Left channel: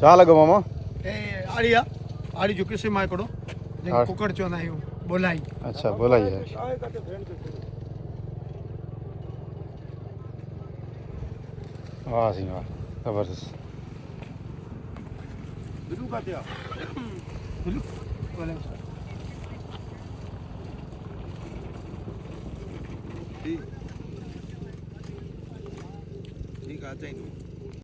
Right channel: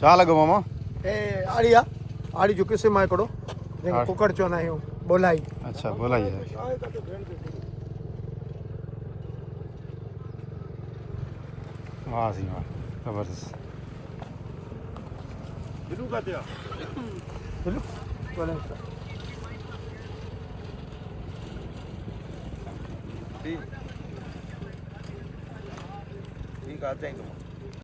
छा लॻो मामा? ए आड़ी आ आड़ी जो किसे मां हिकिड़ो जंहिंखे कुकड़ चवंदा आहियूं बोलाई। अच्छा बोलाई है। वाह जी वाह जबरदस्त। बिल्लू का क्या बिल्लू